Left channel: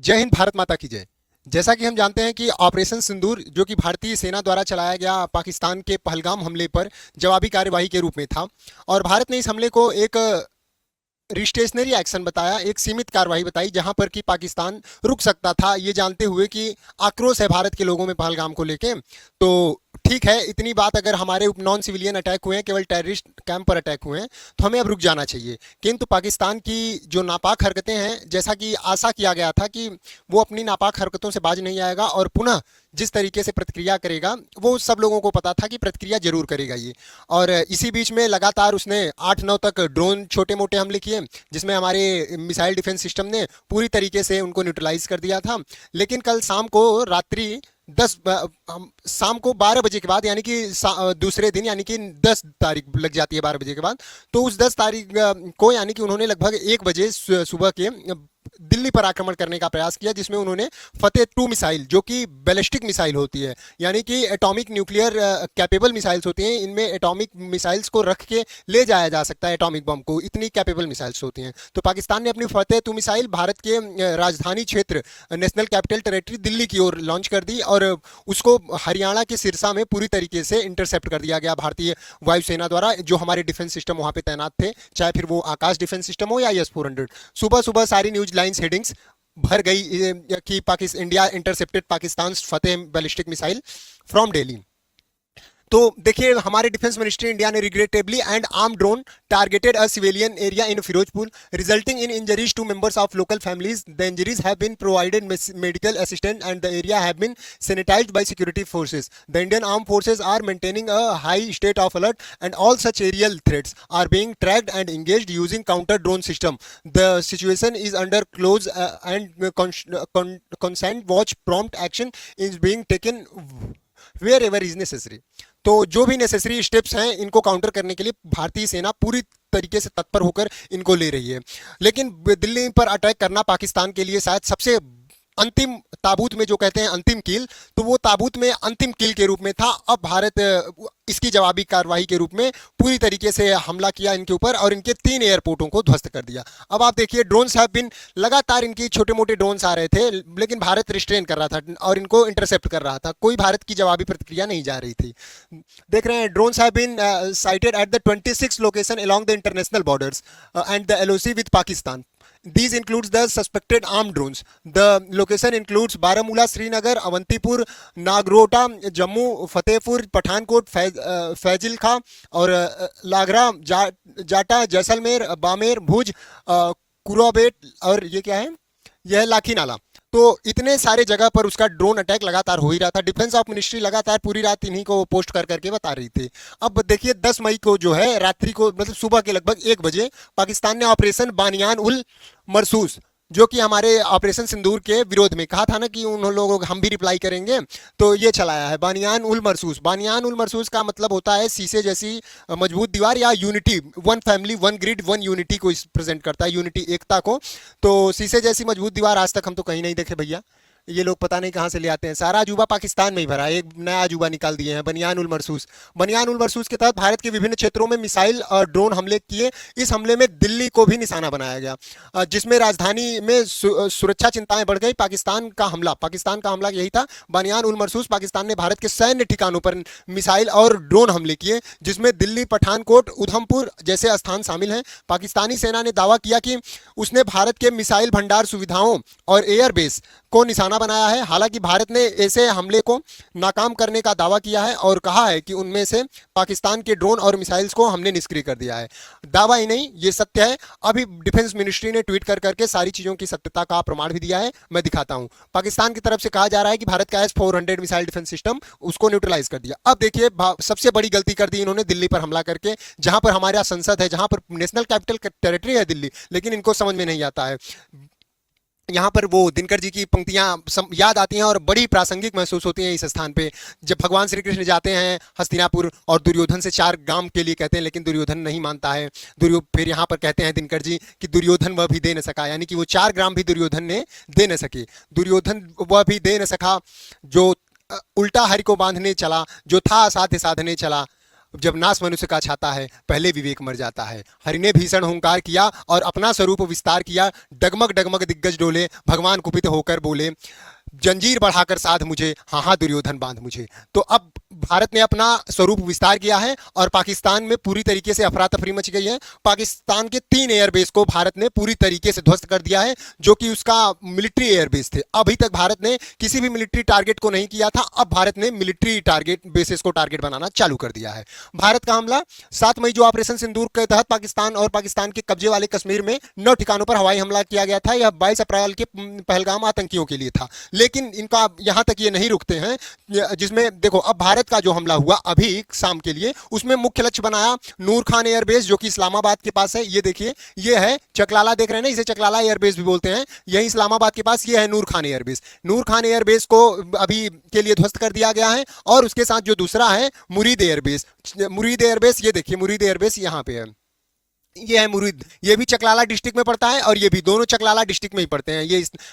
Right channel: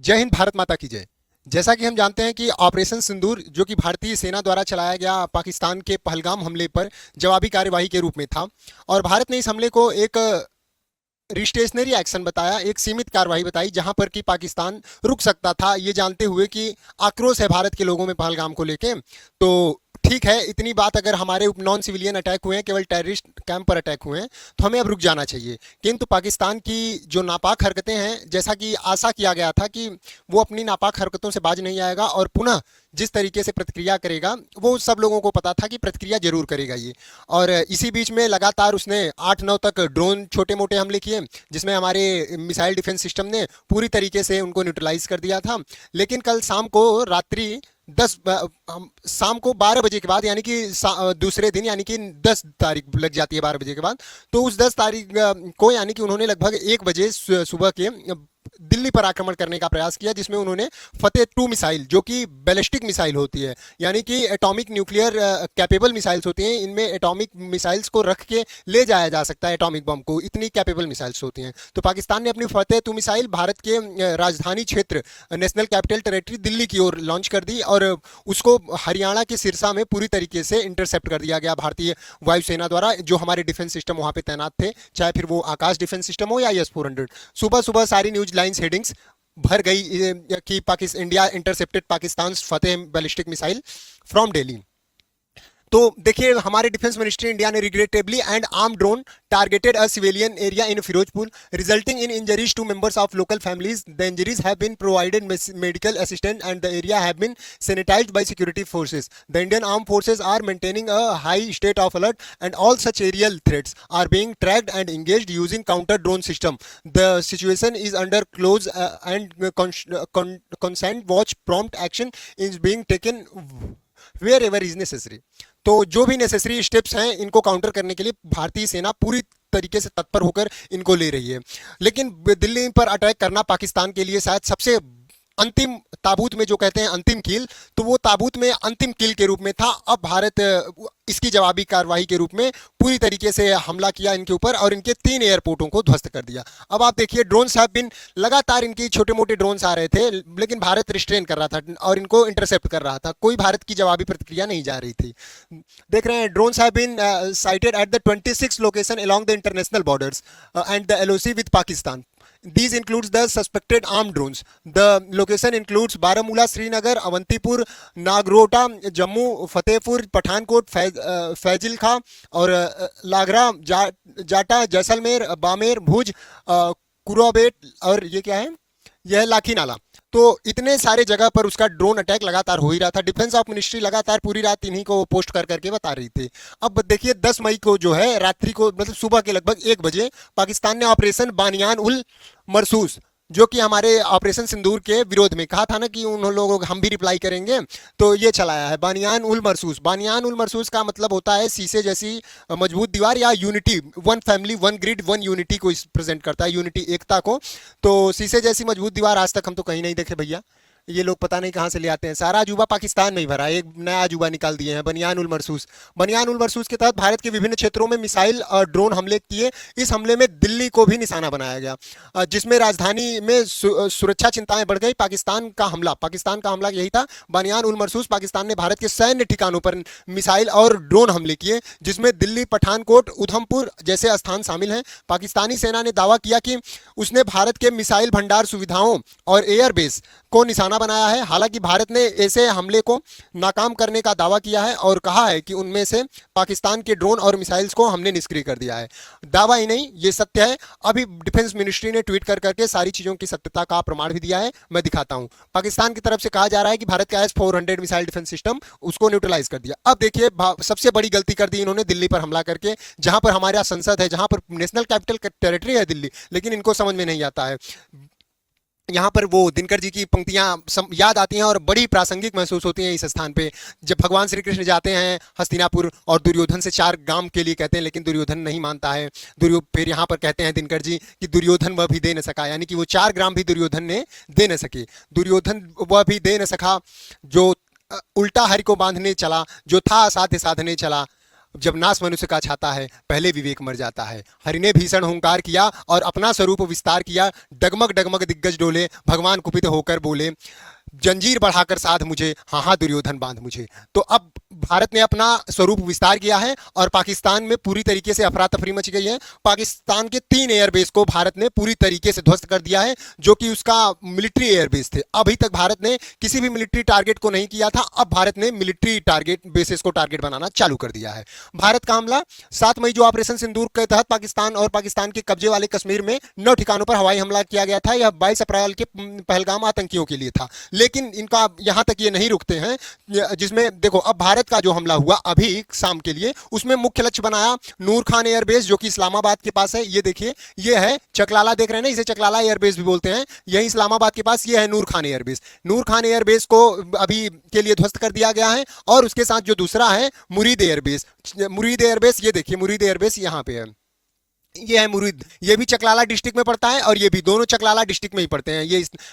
जय हिंद, भारत माता की जय। जैसा कि हम जानते हैं कि ऑपरेशन सिंदूर जो कि भारतीय सेना द्वारा चलाया गया पाकिस्तान के पहलगाम हमले पर जवाबी कार्यवाही के रूप में था। और भारत ने इस हमले को एक रिस्टेशनरी एक्शन बताया, एक सीमित कार्रवाई बताई जहां पर कि पाकिस्तान रुक सकता था, ये जानते हुए कि आक्रोश है भारत के लोगों में पहलगाम को लेके। तो ठीक है, इतनी बात अगर हमारे नॉन सिविलियन अटैक हुए हैं, केवल टेररिस्ट कैंप पर अटैक हुए हैं, तो हमें अब रुक जाना चाहिए। किंतु पाकिस्तान की जो नापाक हरकतें हैं, जैसा कि आशा किया गया था कि वो अपनी नापाक हरकतों से बाज नहीं आएगा और पुनः जिस तरीके से प्रतिक्रिया करेगा, वो सब लोगों को पता था कि प्रतिक्रिया जरूर करेगा ये। और इसी बीच में लगातार उसने 8-9 तक ड्रोन छोटे मोटे हमले किए, जिसमें हमारे मिसाइल डिफेंस सिस्टम ने पूरी तरीके से उनको न्यूट्रलाइज कर दिया था। लेकिन कल शाम को रात्रि 10 शाम को 12 बजे के बाद, यानी कि दूसरे दिन, यानी कि 10 तारीख लग जाती है 12 बजे के बाद, तो उस 10 तारीख को यानी कि उन्होंने लगभग 1 बजे सुबह के दिल्ली पर आक्रमण करने का प्रयास किया, जिसमें उन्होंने फतेह 2 मिसाइल, जो कि बैलिस्टिक मिसाइल होती है, यानी कि एटॉमिक न्यूक्लियर कैपेबल मिसाइल्स होती हैं, इनमें एटॉमिक मिसाइल्स को रख के ले जाया जा सकता है एटॉमिक बम को, इतनी कैपेबल मिसाइल्स होती हैं। तो पाकिस्तान ने अपनी फतेह 2 मिसाइल भारत के राजधानी क्षेत्र, नेशनल कैपिटल टेरिटरी दिल्ली की ओर लॉन्च कर दी और उसको हरियाणा के सिरसा में पूरी तरीके से इंटरसेप्ट कर दिया गया भारतीय वायुसेना द्वारा, जो हमारे डिफेंस सिस्टम वहां पे तैनात थे, चाहे फिर वो आकाश डिफेंस सिस्टम हो या S-400। सुबह सुबह सारी न्यूज लाइंस हेडिंग्स भर गई कि Pakistan, India intercepted Pakistan Fateh ballistic missile from Delhi. तो देखिए, हमारे डिफेंस मिनिस्ट्री इंडिया ने regrettably and arm drone targeted a civilian area in Firozpur, resulting in injuries to members of local families. The injuries have been provided medical assistance and the area have been sanitized by security forces. The Indian armed forces are maintaining a high state of alert and all such aerial threats are being tracked and engaged using counter drone system. The situation is under close and consent watch. Prompt action is being taken wherever is necessary. तो जो भी necessary steps हैं इनको counter करने के लिए भारतीय सेना पूरी तरीके से तत्पर होकर इनको ले रही है। लेकिन दिल्ली पर अटैक करना पाकिस्तान के लिए शायद सबसे अंतिम ताबूत में, जो कहते हैं अंतिम कील, तो वो ताबूत में अंतिम कील के रूप में था। अब भारत इसकी जवाबी कार्रवाई के रूप में पूरी तरीके से हमला किया इनके ऊपर और इनके 3 एयरपोर्टों को ध्वस्त कर दिया। अब आप देखिए, ड्रोन्स हैव बीन, लगातार इनके छोटे मोटे ड्रोन्स आ रहे थे, लेकिन भारत रिस्ट्रेन कर रहा था और इनको इंटरसेप्ट कर रहा था, कोई भारत की जवाबी प्रतिक्रिया नहीं जा रही थी। देख रहे हैं, drones have been sighted at the 26 location along the international borders and the LOC with Pakistan. These includes the suspected armed drones. The location includes Baramulla, Srinagar, Avantipur, Nagrota, Jammu, Fatehpur, Pathankot, फैजिल खां और लागरा, जाटा, जैसलमेर, बामेर, भुज, कुरोबेट और ये क्या है, यह लाठी नाला। तो इतने सारे जगह पर उसका ड्रोन अटैक लगातार हो ही रहा था। डिफेंस ऑफ मिनिस्ट्री लगातार पूरी रात इन्हीं को पोस्ट कर करके बता रही थी। अब देखिए, 10 मई को जो है रात्रि को, मतलब सुबह के लगभग 1 बजे, पाकिस्तान ने ऑपरेशन बानियान उल मरसूस, जो कि हमारे ऑपरेशन सिंदूर के विरोध में कहा था ना कि उन लोगों को हम भी रिप्लाई करेंगे, तो ये चलाया है बानियान उल मरसूस। बानियान उल मरसूस का मतलब होता है शीशे जैसी मजबूत दीवार या unity, one family one grid one unity को प्रेजेंट करता है, यूनिटी, एकता को। तो शीशे जैसी मजबूत दीवार आज तक हम तो कहीं नहीं देखे भैया, ये लोग पता नहीं कहां से ले आते हैं। सारा अजूबा पाकिस्तान में ही भरा है, एक नया अजूबा निकाल दिए हैं, बनियान उल मरसूस। बनियान उल मरसूस के तहत भारत के विभिन्न क्षेत्रों में मिसाइल और ड्रोन हमले किए। इस हमले में दिल्ली को भी निशाना बनाया गया, जिसमें राजधानी में सुरक्षा चिंताएं बढ़ गई। पाकिस्तान का हमला यही था, बनियान उल मरसूस। पाकिस्तान ने भारत के सैन्य ठिकानों पर मिसाइल और ड्रोन हमले किए, जिसमें दिल्ली, पठानकोट, उधमपुर जैसे स्थान शामिल हैं। पाकिस्तानी सेना ने दावा किया कि उसने भारत के मिसाइल भंडार सुविधाओं और एयरबेस को निशाना बनाया है। हालांकि भारत ने ऐसे हमले को नाकाम करने का दावा किया है और कहा है कि उनमें से पाकिस्तान के ड्रोन और मिसाइल्स को हमने निष्क्रिय कर दिया है। दावा ही नहीं, ये सत्य है। अभी डिफेंस मिनिस्ट्री ने ट्वीट कर करके सारी चीजों की सत्यता का प्रमाण भी दिया है, मैं दिखाता हूं। पाकिस्तान की तरफ से कहा जा रहा है कि भारत का S-400 मिसाइल डिफेंस सिस्टम, उसको न्यूट्रलाइज कर दिया। अब देखिए, सबसे बड़ी गलती कर दी इन्होंने दिल्ली पर हमला करके, जहां पर हमारा संसद है, जहां पर नेशनल कैपिटल टेरिटरी है दिल्ली, लेकिन इनको समझ में नहीं आता है। यहाँ पर वो दिनकर जी की पंक्तियां याद आती हैं और बड़ी प्रासंगिक महसूस होती हैं इस स्थान पे, जब भगवान श्री कृष्ण जाते हैं हस्तिनापुर और दुर्योधन से 4 ग्राम के लिए कहते हैं, लेकिन दुर्योधन नहीं मानता है। फिर यहाँ पर कहते हैं दिनकर जी कि दुर्योधन वह भी दे न सका, यानी कि वो 4 ग्राम भी दुर्योधन ने दे न सके। दुर्योधन वह भी दे न सका जो उल्टा हरि को बांधने चला, जो था असाध्य साधने चला। जब नाश मनुष्य का छाता है पहले विवेक मर जाता है। हरि ने भीषण हुंकार किया और अपना स्वरूप विस्तार किया। डगमग डगमग दिग्गज डोले, भगवान कुपित होकर बोले, जंजीर बढ़ाकर साध मुझे, हाँ हाँ दुर्योधन बांध मुझे। तो अब भारत ने अपना स्वरूप विस्तार किया है और पाकिस्तान में पूरी तरीके से अफरा तफरी मच गई है। पाकिस्तान के 3 एयरबेस को भारत ने पूरी तरीके से ध्वस्त कर दिया है, जो कि उसका मिलिट्री एयरबेस थे। अभी तक भारत ने किसी भी मिलिट्री टारगेट को नहीं किया था, अब भारत ने मिलिट्री टारगेट बेसिस को टारगेट बनाना चालू कर दिया है। भारत का हमला 7 मई जो ऑपरेशन सिंदूर के तहत पाकिस्तान और पाकिस्तान के कब्जे वाले कश्मीर में 9 ठिकानों पर हवाई हमला किया गया था। यह 22 अप्रैल के पहलगाम आतंकियों के लिए था। लेकिन इनका यहां तक ये नहीं रुकते हैं, जिसमें देखो अब भारत का जो हमला हुआ अभी शाम के लिए, उसमें मुख्य लक्ष्य बनाया नूर खान एयरबेस जो कि इस्लामाबाद के पास है। ये देखिए, ये है चकलाला, देख रहे हैं ना, इसे चकलाला एयरबेस भी बोलते हैं। यही इस्लामाबाद के पास ये है नूर खान एयरबेस। नूर खान एयरबेस को अभी के लिए ध्वस्त कर दिया गया है। और उसके साथ जो दूसरा है मुरीद एयरबेस, मुरीद एयरबेस, ये देखिए मुरीद एयरबेस यहाँ पे है, ये है मुरीद। ये भी चकलाला डिस्ट्रिक्ट में पड़ता है और ये भी, दोनों चकलाला डिस्ट्रिक्ट में ही पड़ते हैं।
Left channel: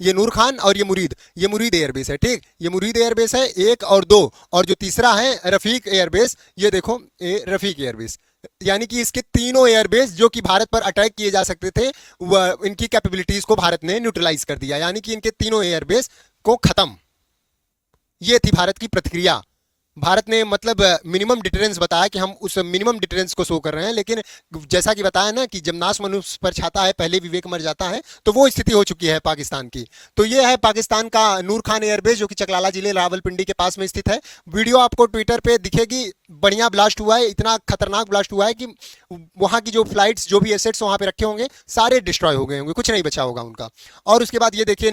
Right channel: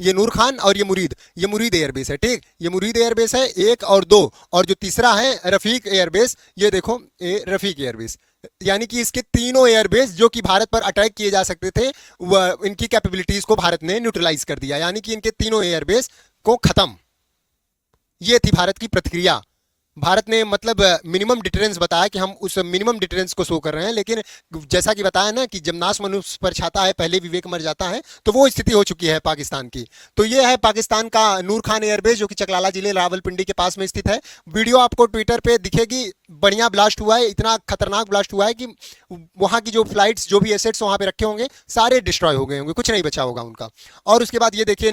ये नूर खान और ये मुरीद एयरबेस है। ठीक, ये मुरीद एयरबेस है 1 और 2। और जो तीसरा है रफीक एयरबेस, ये देखो ये रफीक एयरबेस। यानी कि इसके तीनों एयरबेस जो कि भारत पर अटैक किए जा सकते थे, इनकी कैपेबिलिटीज को भारत ने न्यूट्रलाइज कर दिया। यानी कि इनके तीनों एयरबेस को खत्म। ये थी भारत की प्रतिक्रिया। भारत ने मतलब मिनिमम डिटरेंस बताया कि हम उस मिनिमम डिटरेंस को शो कर रहे हैं। लेकिन जैसा कि बताया ना कि जब नाश मनुष्य पर छाता है पहले विवेक मर जाता है, तो वो स्थिति हो चुकी है पाकिस्तान की। तो ये है पाकिस्तान का नूर खान एयरबेस जो कि चकलाला जिले रावलपिंडी के पास में स्थित है। वीडियो आपको ट्विटर पे दिखेगी। बढ़िया ब्लास्ट हुआ है, इतना खतरनाक ब्लास्ट हुआ है कि वहां की जो फ्लाइट्स, जो भी एसेट्स वहां पे रखे होंगे सारे डिस्ट्रॉय हो गए होंगे, कुछ नहीं बचा होगा उनका। और उसके बाद ये देखिए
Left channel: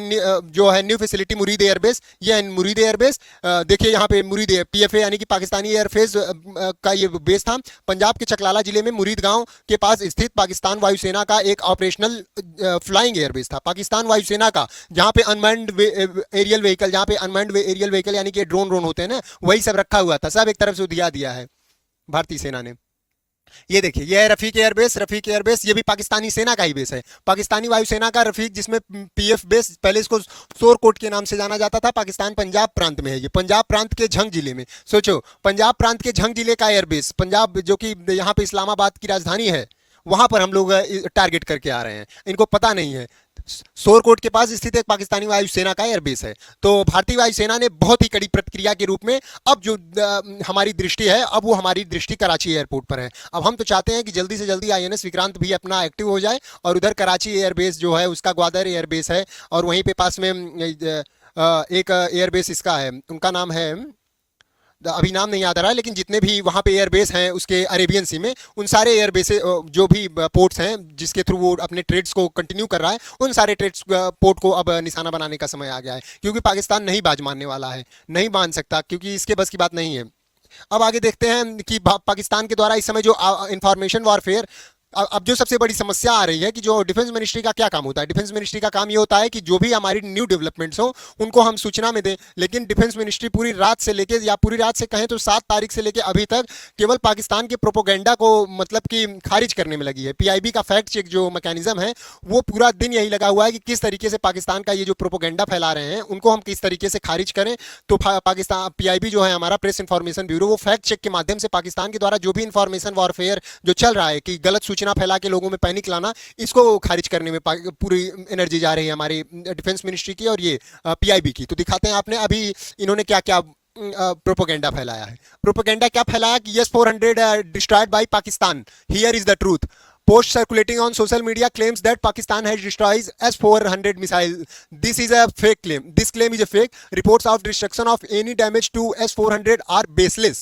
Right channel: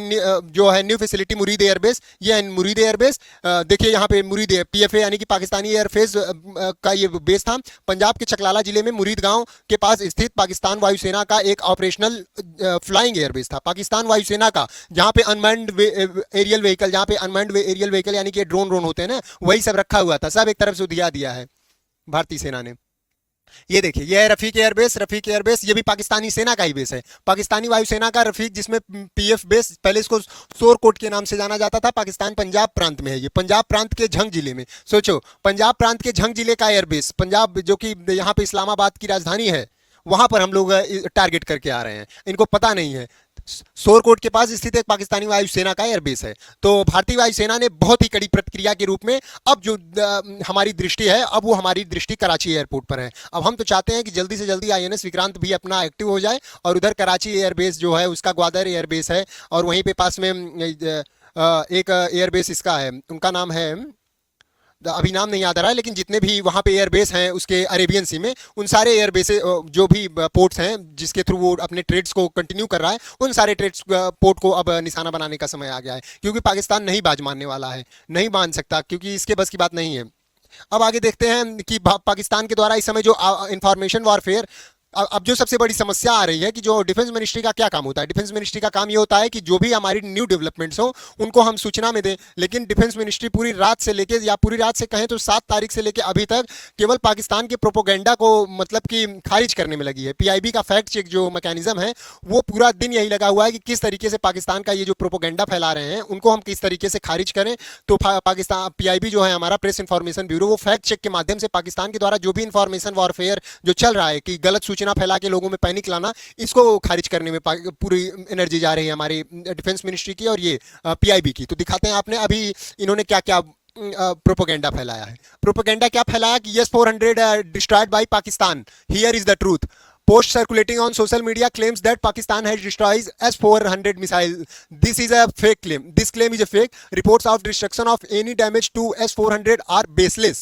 जो है न्यू फैसिलिटी मुरीद एयरबेस, ये है मुरीद एयरबेस। देखिए यहाँ पे मुरीद पीएफए यानी कि पाकिस्तानी एयरफेस का ये बेस था। पंजाब के चकलाला जिले में मुरीद गांव के पास स्थित पाकिस्तान वायुसेना का एक ऑपरेशनल फ्लाइंग एयरबेस था। पाकिस्तान वायुसेना का, जहाँ पे अनमैन्ड एरियल व्हीकल, जहाँ पे अनमैन्ड एरियल व्हीकल यानी कि ड्रोन होते हैं ना, वही सब रखा हुआ था। सब एक तरफ से दिया है भारतीय सेना ने। ये देखिए, ये है रफीक एयरबेस। रफीक एयरबेस ये भी पाकिस्तानी सेना का ही बेस है। पाकिस्तानी वायुसेना का रफीक, जिसमें पीएफ बेस, पहले इसको सोरकोट के नाम से जाना जाता था। पाकिस्तान पंजाब प्रांत में है। ये पंजाब प्रांत के झंग जिले में, सोचो पंजाब प्रांत के झंग जिले का एयरबेस, पंजाब जो कि यहाँ पे इस्लामाबाद की राजधानी है, वहां पर हम लोग टारगेट करके आ रहे हैं। इनको पता नहीं है सोरकोट के पास स्थित एक पाकिस्तानी वायुसेना का एयरबेस है। तो भारतीय वायुसेना ने बहुत ही कड़ी प्रतिक्रिया के रूप में अब जो हमारी दृष्टि है, अब वो हमारी दृष्टि कराची एयरपोर्ट पर है। अब हम तो चाहते हैं कि जल्दी से जल्दी आईएनएस विक्रांत भी अपना एक्टिव हो जाए और उधर कराची एयरबेस जो है उसका ग्वादर एयरबेस है। और वहीं पे पास में एक एयरबेस इसका है, उनका नाम है, अभी नाम नहीं याद आ रहा है, लेकिन जितने भी वहाँ पे एयरबेस हैं उसके अरेबियन सी में, उन सारे एयरबेस जो भी पोर्ट्स हैं जिसके थ्रू वो अपने ट्रेड्स को कंटिन्यू कर रहा है, उन सारे ट्रेड्स पोर्ट को अब निशाना बनाने का समय आ गया है। क्योंकि पाकिस्तान नहीं बाज मानने वाला है, नहीं मान सकता, क्योंकि इसके बस की बात नहीं है। अब आगे देखते हैं कि पाकिस्तान के द्वारा इस समय जो इंफॉर्मेशन वॉरफेयर, अब जो सबसे बड़ी समस्या आ रही है कि जो डिफेंस मिनिस्ट्री का क्या काम होता है। डिफेंस मिनिस्ट्री का काम ये होता है कि जो भी हमारी न्यू डेवलपमेंट्स हो उनको हम सूचना में दें। लेकिन डिफेंस मिनिस्ट्री पूरी रात से लेके, या पूरी रात से कहें तो 7 तारीख से लेके अभी तक केवल पाकिस्तान के प्रोपोगेंडा को मतलब कि खारिज करने में लगी है। पीआईबी का फैक्ट चेक जो मैकेनिज्म है वो पूरा दिन यही लगा हुआ है कि किस तरीके से पाकिस्तान का ये जो प्रोपोगेंडा फैला रहे हैं उनको हम किस तरीके से खारिज करें। तो पाकिस्तान पीआईबी जो है हमारा प्रेस इंफॉर्मेशन ब्यूरो, वो फैक्ट चेक के माध्यम से पाकिस्तान के द्वारा जो भी इंफॉर्मेशन वॉरफेयर जो चल रहा है कि गलत सूचना फैला के लोगों में पैनिक लाना, इसको खारिज करने में पूरी एनर्जी जा रही है हमारी डिफेंस मिनिस्ट्री की और ये पीआईबी की। तो दिखाते हैं आपने अभी इन्होंने क्या क्या प्रोपेगेंडा फैलाया है। प्रोपेगेंडा क्या फैलाया कि S-400 destroyed by Pakistan, here is the truth. Post circulating on social media claims that Pakistan has destroyed S-400 missile. This is a fake claim. This claim is a fake. Reports of destruction of any damage to S-400 are baseless.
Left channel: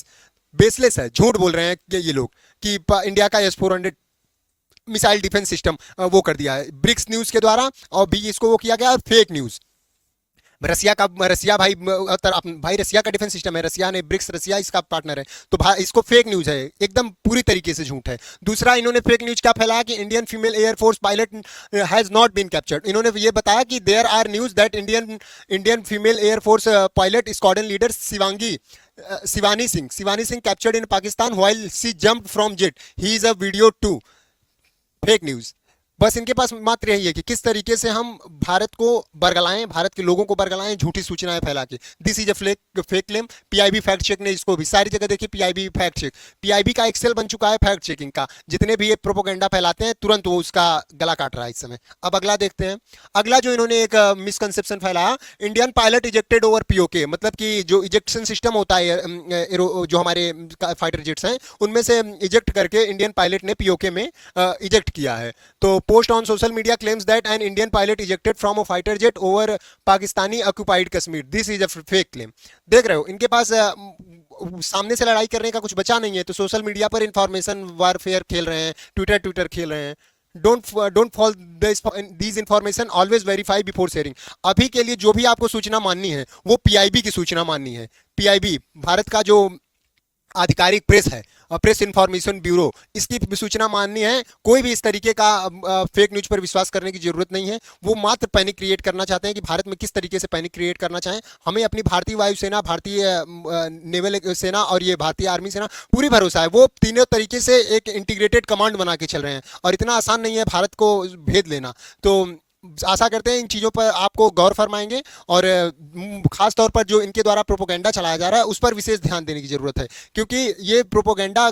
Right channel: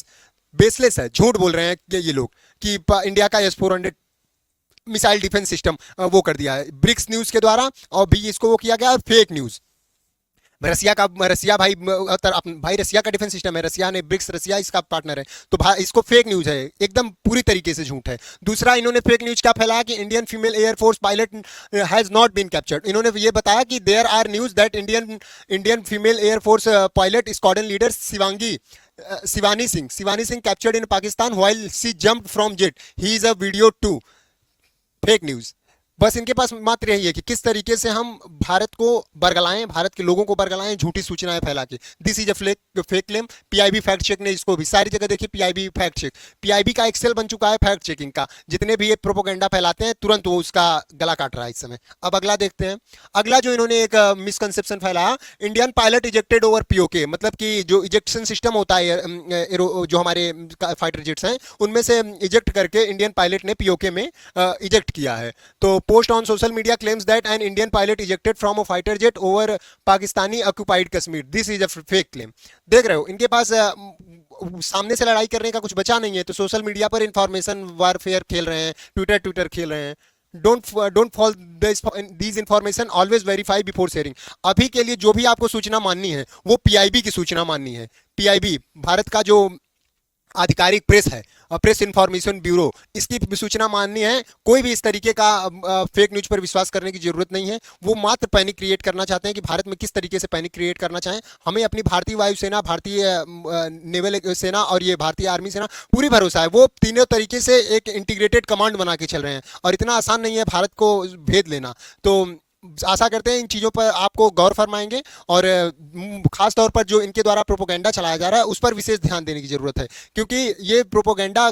Baseless है, झूठ बोल रहे हैं कि ये लोग कि India का S-400 मिसाइल डिफेंस सिस्टम वो कर दिया है ब्रिक्स न्यूज के द्वारा, और भी इसको वो किया गया फेक न्यूज। रसिया भाई रसिया का डिफेंस सिस्टम है, रसिया ने ब्रिक्स, रसिया इसका पार्टनर है, तो भाई इसको फेक न्यूज है, एकदम पूरी तरीके से झूठ है। दूसरा इन्होंने फेक न्यूज क्या फैलाया कि Indian female air force pilot has not been captured. इन्होंने ये बताया कि there are news that Indian female air force pilot squadron leader Shivani Singh captured in Pakistan while she jumped from jet, he is a video too. Fake news. बस इनके पास मात्र यही है कि किस तरीके से हम भारत को बरगलाएं, भारत के लोगों को बरगलाएं झूठी सूचनाएं फैला के। This is a fake claim. PIB fact check ने इसको भी सारी जगह देखी, पीआईबी फैक्ट चेक, पीआईबी का एक्सेल बन चुका है फैक्ट चेकिंग का। जितने भी ये प्रोपोगेंडा फैलाते हैं तुरंत वो उसका गला काट रहा है इस समय। अब अगला देखते हैं। अगला जो इन्होंने एक मिसकंसेप्शन फैलाया, Indian pilot ejected over PoK, मतलब कि जो इजेक्शन सिस्टम होता है जो हमारे फाइटर जेट्स हैं उनमें से इजेक्ट करके इंडियन पायलट ने पीओके में इजेक्ट किया है। तो post on social media claims that an Indian pilot ejected from a fighter jet over Pakistani occupied Kashmir, this is a fake claim. देख रहे हो इनके पास सामने से लड़ाई करने का कुछ बचा नहीं है, तो सोशल मीडिया पर इंफॉर्मेशन वारफेयर खेल रहे हैं, ट्विटर ट्विटर खेल रहे हैं। Don't fall these information, always verify before sharing. अभी के लिए जो भी आपको सूचना माननी है वो पीआईबी की सूचना माननी है। पीआईबी भारत का जो आधिकारिक प्रेस है, प्रेस इंफॉर्मेशन ब्यूरो, इसकी भी सूचना माननी है। कोई भी इस तरीके का फेक न्यूज पर विश्वास करने की जरूरत नहीं है। वो मात्र पैनिक क्रिएट करना चाहते हैं कि भारत में किस तरीके से पैनिक क्रिएट करना चाहें। हमें अपनी भारतीय वायुसेना, भारतीय नेवल सेना और ये भारतीय आर्मी सेना पूरी भरोसा है। वो तीनों तरीके से एक इंटीग्रेटेड कमांड बना के चल रहे हैं और इतना आसान नहीं है भारत को भेद लेना। तो आशा करते हैं इन चीज़ों पर आपको गौर फरमाएंगे और खास तौर पर जो इनके द्वारा प्रोपोगेंडा चलाया जा रहा है उस पर विशेष ध्यान देने की जरूरत है, क्योंकि ये प्रोपोगेंडा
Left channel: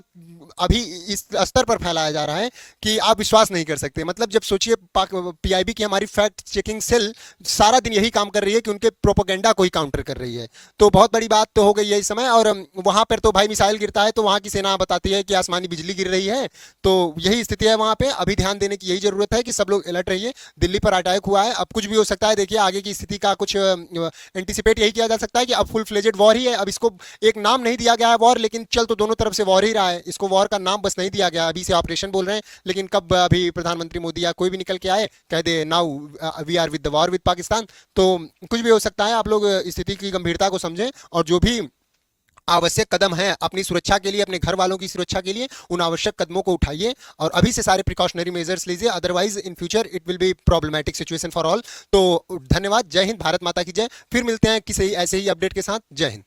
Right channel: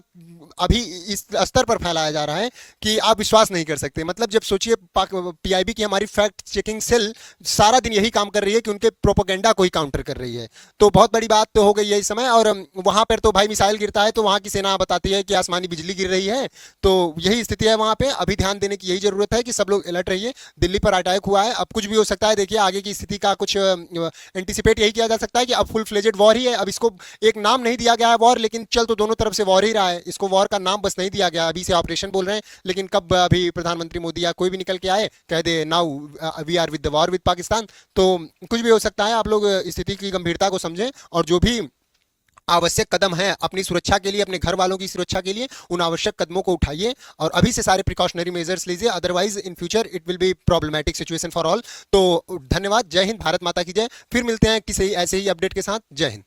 अभी इस स्तर पर फैलाया जा रहा है कि आप विश्वास नहीं कर सकते। मतलब जब सोचिए पीआईबी की हमारी फैक्ट चेकिंग सेल सारा दिन यही काम कर रही है कि उनके प्रोपोगेंडा को ही काउंटर कर रही है, तो बहुत बड़ी बात तो हो गई है इस समय। और वहां पर तो भाई मिसाइल गिरता है तो वहां की सेना बताती है कि आसमानी बिजली गिर रही है, तो यही स्थिति है वहां पे। अभी ध्यान देने की यही जरूरत है कि सब लोग अलर्ट रहिए। दिल्ली पर अटैक हुआ है, अब कुछ भी हो सकता है। देखिए आगे की स्थिति का कुछ एंटिसिपेट यही किया जा सकता है कि अब फुल फ्लेजेड वॉर ही है। अब इसको एक नाम नहीं दिया गया है वॉर, लेकिन चल तो दोनों तरफ से वॉर ही रहा है। इसको वॉर का नाम बस नहीं दिया गया, अभी से ऑपरेशन बोल रहे हैं, लेकिन कब अभी प्रधानमंत्री मोदी या कोई भी निकल के आए कह दे now we are with the war with Pakistan, तो कुछ भी हो सकता है। आप लोग स्थिति की गंभीरता को समझें और जो भी आवश्यक कदम है अपनी सुरक्षा के लिए, अपने घर वालों की सुरक्षा के लिए, उन आवश्यक कदमों को उठाइए और अभी से सारे प्रिकॉशनरी मेजर्स लीजिए, otherwise in future it will be problematic situation for all. तो धन्यवाद, जय हिंद, भारत माता की जय। फिर मिलते हैं किसी ऐसे ही अपडेट के साथ। जय हिंद।